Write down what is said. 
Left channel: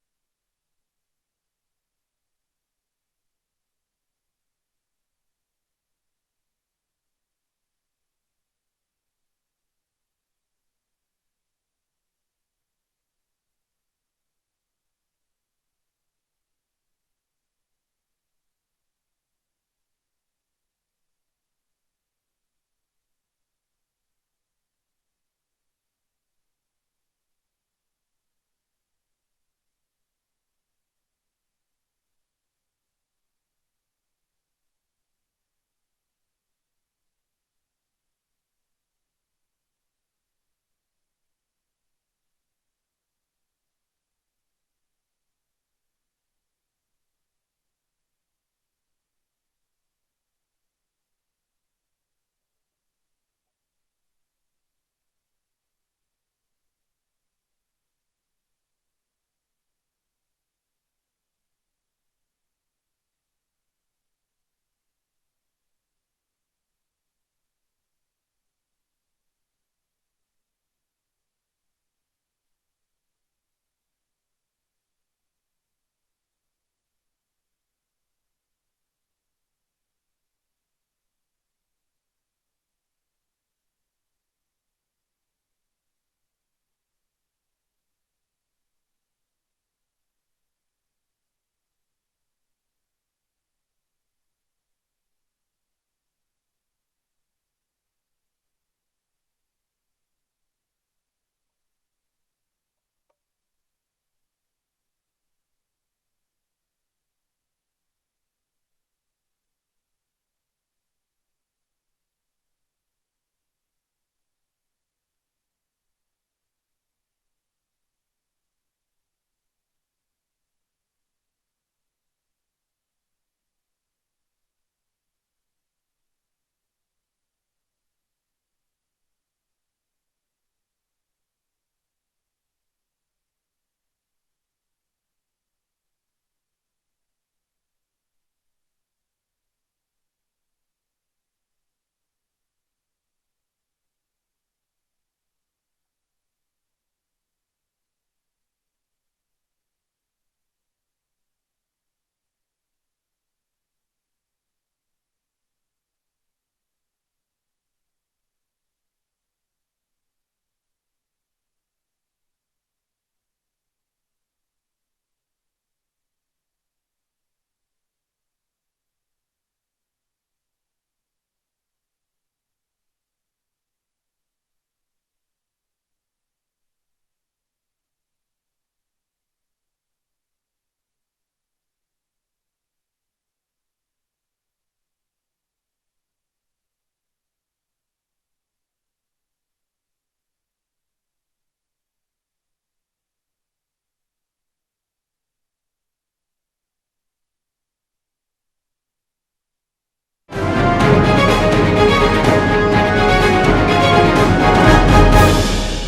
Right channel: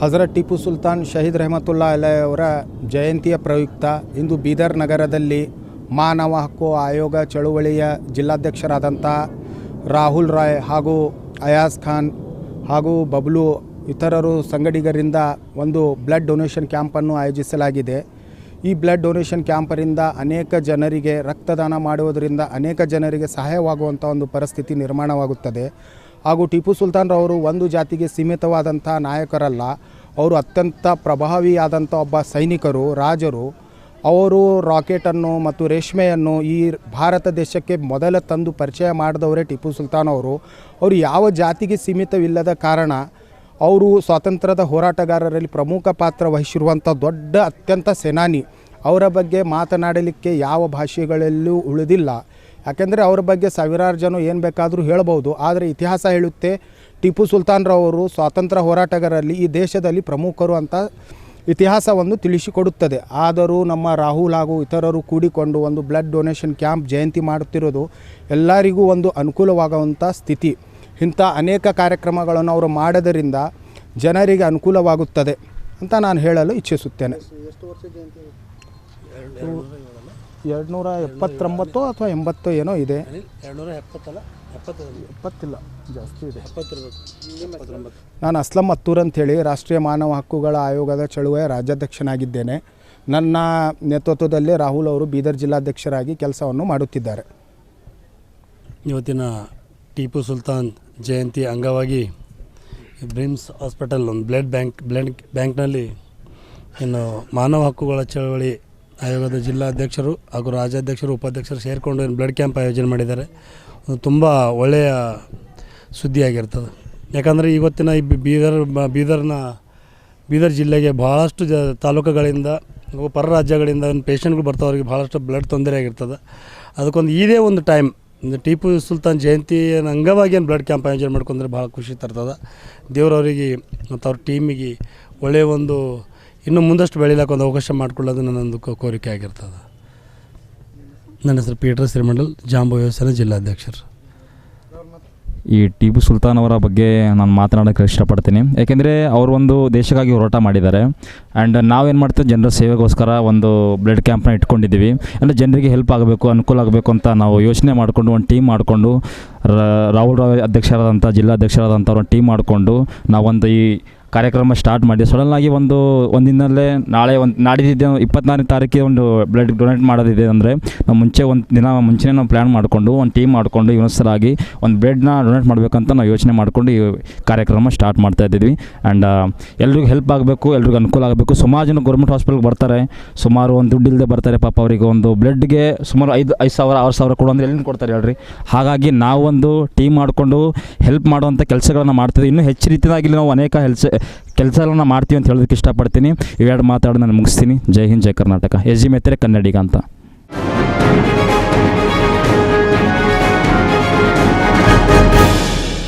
ಹಜರತ್ ಟಿಪ್ಪು ಸುಲ್ತಾನ್ ಶಹೀದ್ ರೆಹಮತುಲ್ಲಾ ಅಲೈ ಅವರ ಜಯಂತಿಯ ಪ್ರಯುಕ್ತ ಇಂದು ಬೀದರ್ ನಗರದಲ್ಲಿ ಮಾನವ ಹಕ್ಕು ಆಯೋಗ ಚಳುವಳಿಯ ಜಿಲ್ಲಾಧ್ಯಕ್ಷರಾದಂಥ ರಾಹುಲ್ ರಾಯ್ ಹಾಗೂ ಅಯಾಜ್ ಖಾನ್ ಹಾಗೂ ಬಬ್ಲು ಇತರರು ಸಂಗಡಿಗರಿಂದ ಒಂದು ಬ್ಲಡ್ ಡೊನೇಷನ್ ಕ್ಯಾಂಪನ್ನು ಆಯೋಜಿಸಲಾಗಿದೆ. ಈ ಬ್ಲಡ್ ಡೊನೇಷನ್ ಕ್ಯಾಂಪರಿಂದ ಅನೇಕ ಜನರಿಗೆ ರಕ್ತದಾನ ಮಾಡುವುದರಿಂದ ಅನೇಕ ಜನರಿಗೆ ಸಹಾಯವಾಗುವಂಥ ಒಂದು ಪರಿಸ್ಥಿತಿ ನಿರ್ಮಾಣವಾಗುತ್ತದೆ. ಹಾಗೂ ಟಿಪ್ಪು ಸುಲ್ತಾನ್ರವರು ಒಂದು ಜಾತಿಗೆ ಸೀಮಿತವಾದಂಥ ನಾಯಕರಲ್ಲ, ಅವರು ಅತ್ಯಂತ ಪ್ರಭಾವಿಯಾದಂಥ ಒಬ್ಬ ಸೈನಿಕರು, ರಾಜರು. ಅವರು ರಾಕೆಟನ್ನು ಮತ್ತು ರೇಷ್ಮೆಯನ್ನು ಈ ಭಾರತ ದೇಶಕ್ಕೆ ಮೊದಲ ತಂದು ಪರಿಚಯ ಮಾಡಿದವರೇ ಟಿಪ್ಪು ಸುಲ್ತಾನ್ ಅವರು. ಅವರು ಯಾವ ಜಾತಿಗೆ ಸೀಮಿತವಿಲ್ಲದ ಕಾರಣ ಅವರು ಸ್ವಾತಂತ್ರ್ಯದ ಹೋರಾಟಗಾರರಲ್ಲಿ ಪ್ರಮುಖ ಪಾತ್ರ ವಹಿಸಿರುವಂಥ ದೊಡ್ಡ ಅತ್ಯಂತ ಸೇನಾನಿ. ಅವರ ಬಗ್ಗೆ ಮಾತನಾಡಲಿಕ್ಕೆ ಯಾವ ಭಾಷೆಗಳಲ್ಲೂ ಉಳಿದಿಲ್ಲ. ಯಾಕೆಂದರೆ ಅವರ ಬಗ್ಗೆ ಸಾವಿರಾರು ಜನ ಏನು ಬೇಕಾದರೂ ಹೇಳ್ಬೋದು, ಆದರೆ ಇತಿಹಾಸ ಹೇಳುತ್ತೆ ಟಿಪ್ಪು ಸುಲ್ತಾನ್ರವರು ಸ್ವಾತಂತ್ರ್ಯ ಹೋರಾಟಗಾರರಲ್ಲಿ ಈ ದೇಶದಲ್ಲಿ ಪ್ರಮುಖರು ಅಂತ ಇತಿಹಾಸವನ್ನು ತಿಳಿಸಿಕೊಡುತ್ತದೆ. ಆದರೂ ನಮ್ಮ ರಾಹುಲ್ ಹಾಗೂ ಇತರರು ಕೂಡಿಕೊಂಡು ಒಂದು ಬ್ಲಡ್ ಡೊನೇಷನ್ ಕ್ಯಾಂಪ್ ಜಯಂತಿ ಮಾಡುತ್ತಿರೋದು ಎಲ್ಲರಿಗೂ ಒಂದು ಅನುಕೂಲವಾಗುವಂಥ ಸ್ಥಿತಿ. ಇಂಥ ಅನೇಕ ಕಾರ್ಯಕ್ರಮಗಳನ್ನು ಅವರು ಮಾಡೋದರಿಂದ ಜನರಿಗೆ ಅನುಕೂಲವಾಗುತ್ತದೆ ಅಂತ ನಾನು ಹೇಳಲು ಇಚ್ಛಿಸುತ್ತೇನೆ. 279 ಅಥವಾ 80 ಏನೋ ಇದೆ, 270 ಜಾಸ್ತಿ ಇದೆ. ನಾನು ಅಸ್ಲಂ ಮತ್ತೂರ್ ಅಂಥೇಳಿ ರಾಷ್ಟ್ರೀಯ ಮಾನವ ಹಕ್ಕುಗಳ ಆಯೋಗದ ಚಳುವಳಿಯ ರಾಜ್ಯಾಧ್ಯಕ್ಷನಾಗಿದ್ದೇನೆ. ನನ್ನ ನೇತೃತ್ವದಲ್ಲಿ ರಾಹುಲ್ ಅವರು ಬೀದರ್ ಜಿಲ್ಲಾಧ್ಯಕ್ಷರಾಗಿ ಕೆಲಸವನ್ನು ಮಾಡುತ್ತಿದ್ದಾರೆ. ಇವತ್ತಿನ ಟಿಪ್ಪು ಸುಲ್ತಾನ್ ಜಯಂತಿ ಅಂಗವಾಗಿ ಬ್ರಿಮ್ಸ್ ಹಾಸ್ಪಿಟಲ್ ಒಂದು ಬ್ಲಡ್ ಬ್ಯಾಂಕ್ನಲ್ಲಿ ಇನ್ನು ಮಾನವ ಹಕ್ಕುಗಳ ಚಳವಳಿ ಆಯೋಗದ ಜಿಲ್ಲಾಧ್ಯಕ್ಷರು ಹಾಗೂ ರಾಜ್ಯಾಧ್ಯಕ್ಷರು ಉಪಾಧ್ಯಕ್ಷರು ಸೇರಿಕೊಂಡು ಬ್ಲಡ್ ಕ್ಯಾಂಪ್ ಆಯೋಜನೆ ಮಾಡಿದ್ದಾರೆ. ತುಂಬ ಒಳ್ಳೆಯ ಸುದ್ದಿಯಾಗಿರ್ತದೆ. ಯಾಕಂದರೆ ಇವತ್ತಿನ ಈ ಬೀದರ್ ಜಿಲ್ಲೆಗೆ ಭಾಳಷ್ಟು ತಾಲೂಕುಗಳಿಂದ ಪರ ರಾಜ್ಯಗಳಿಂದ ಪೇಷಂಟ್ಗಳು ಬರ್ತಾವ್ರಿಗೆ ಭಾಳಷ್ಟು ಬ್ಲಡ್ ತೊಂದರೆ ಆಗಿರ್ತದೆ. ಅದಕ್ಕೊಂದು ಇದೇ ಒಂದು ಟೈಮ್ ಟಿಪ್ಪು ಸುಲ್ತಾನ್ ಜಯಂತಿ ಅಂಗವಾಗಿ ಏನು ಬ್ಲಡ್ ಕ್ಯಾಂಪ್ ಆಯೋಜನೆ ಮಾಡ್ಕೊಂಡ್ರೆ ಭಾಳ ಖುಷಿ ತರ್ತದೆ. ದೇವರವರಿಗೆ ಮತ್ತು ಅವ್ರ ಟೀಮಿಗೆ ಒಳ್ಳೆಯ ಒಂದು ಇನ್ನೂ ಮುಂದಷ್ಟು ಬೆಳೀಲಿಕ್ಕೆ ಒಂದು ಅವಕಾಶ ಮಾಡಿಕೊಳ್ಳೋದು ನನ್ನೊಂದು ಕೋರಿಕೆ ಆಗಿರ್ತದೆ. ನನ್ನ ಹೆಸರು ಪೀಟರ್ ಶ್ರೀಮಂಡಲ್, ಜಾಂಬು ವ್ಯವಸ್ಥೆಯ ಜಿಲ್ಲಾಧ್ಯಕ್ಷರು. ಈ ಟಿಪ್ಪು ಸುಲ್ತಾನ್ ಅವರ ಬಗ್ಗೆ ನಾನು ಮಾತನಾಡೋಕ್ಕೆ ಇಷ್ಟಪಡ್ತೀನಿ. ಯಾಕೆಂದರೆ ಅವರು ಒಂದು ದೇಶಕ್ಕಾಗಿ ಹೋರಾಟ ಮಾಡಿದ್ದಾರೆ. ಆ್ಯಂಡ್ ನಾವೇನು ಮಾಡ್ತೀವಿ, ಜನರ ಸೇವೆಗೋಸ್ಕರ ಒಂದು ಬ್ಲಡ್ ಕ್ಯಾಂಪ್ನ ಇಟ್ಕೊಂಡಿದ್ದೀವಿ. ಅಂದರೆ ಜನರಿಗೆ ಹೆಲ್ಪ್ ಆಗಬೇಕು, ಅನುಕೂಲ ಆಗಬೇಕು ಅಂತ ನಾವು ಯೋಚನೆ ಮಾಡಿಕೊಂಡು ಒಂದು ಟೀಮ್ ಮಾಡಿಕೊಂಡು ರಾಹುಲ್ ರಾವ್ ಅಧ್ಯಕ್ಷರಾದಂಥ ಜಿಲ್ಲಾಧ್ಯಕ್ಷರಾದಂಥ ಒಂದು ಟೀಮ್ ಮಾಡಿಕೊಂಡು ನಾವೊಂದು ಈ ಕಾರ್ಯಕ್ರಮ ಸ್ಟಾರ್ಟ್ ಮಾಡಿ ಸಡನ್ನಾಗಿ ಒಂದಿನಲ್ಲೇ ನಾಡಿದ್ದು 24ನೇ ತಾರೀಕಿಗೆ ಒಂದು ಬ್ಲಡ್ ಡೊನೇಟ್ ಮಾಡೋದಿದೆ. ಅಂದರೆ ನಾವು ಒಂದು ದಿನ ಮುಂಚೆನೇ ನಾವು ಪ್ಲ್ಯಾನ್ ಮಾಡಿಕೊಂಡು ಒಂದು ಟೀಮ್ ಮಾಡಿಕೊಂಡು ಇವನಸರಾಗಿ ಒಂದು ಬ್ಲಡ್ನ ಡೊನೇಟ್ ಮಾಡಬೇಕಂತ ನಾವು ಯೋಚನೆ ಮಾಡಿಕೊಂಡು ಈ ಕಾರ್ಯಕ್ರಮ ಸ್ಟಾರ್ಟ್ ಮಾಡ್ತಾಯಿದ್ದೀವಿ. ಆ್ಯಂಡ್ ಎಲ್ರಿಗೂ ಹೆಲ್ಪ್ ಆಗಬೇಕು, ಎಲ್ರಿಗೂ ಅನುಕೂಲ ಆಗಬೇಕು. ಸುಮಾರು ಜನ ಗೌರ್ಮೆಂಟ್ ಹಾಸ್ಪಿಟಲ್ಗೆ ಬರ್ತಾರೆ, ಸುಮಾರು ಒಂದು ದುಡ್ಡು ಇಲ್ಲದೆ ಬರ್ತಾರೆ. ಪಾಪ ಅವರಿಗೆ ಒಂದು ಬ್ಲಡ್ಗೆ ಸುಮಾರು 5,000 6,000 ಕೊಡು ಅಂದರೆ ಎಲ್ಲಿಂದ ಕೊಡ್ತಾರೆ ಹೇಳ್ರಿ. ಹಾಗಾಗಿ ನಾವೊಂದು ಟೀಮ್ ಮಾಡಿಕೊಂಡು ಹೆಲ್ಪ್ ಮಾಡುವಂಥ ಕೆಲಸಗಳನ್ನು ಮಾಡ್ತಿದ್ದೀವಿ. ಇನ್ನೂ ಹೆಚ್ಚು ರೀತಿಯಾಗಿ ನಾವು ಅನೇಕ ಕೆಲಸಗಳನ್ನ ಮಾಡ್ತೀವಿ ಅಂತ ಹೇಳೋದಕ್ಕೆ ಇಷ್ಟಪಡ್ತೀನಿ. ಇವೆರಡು ಮಾತಾಡಿ ನಾನು ಮುಗಿಸ್ತೀನಿ. ಜೈ ಹಿಂದ್, ಜೈ ಕರ್ನಾಟಕ. ಎಸ್ ಜಿ ಮೆತ್ರೆ ಕನ್ನಡಿಗ ಅಂತ.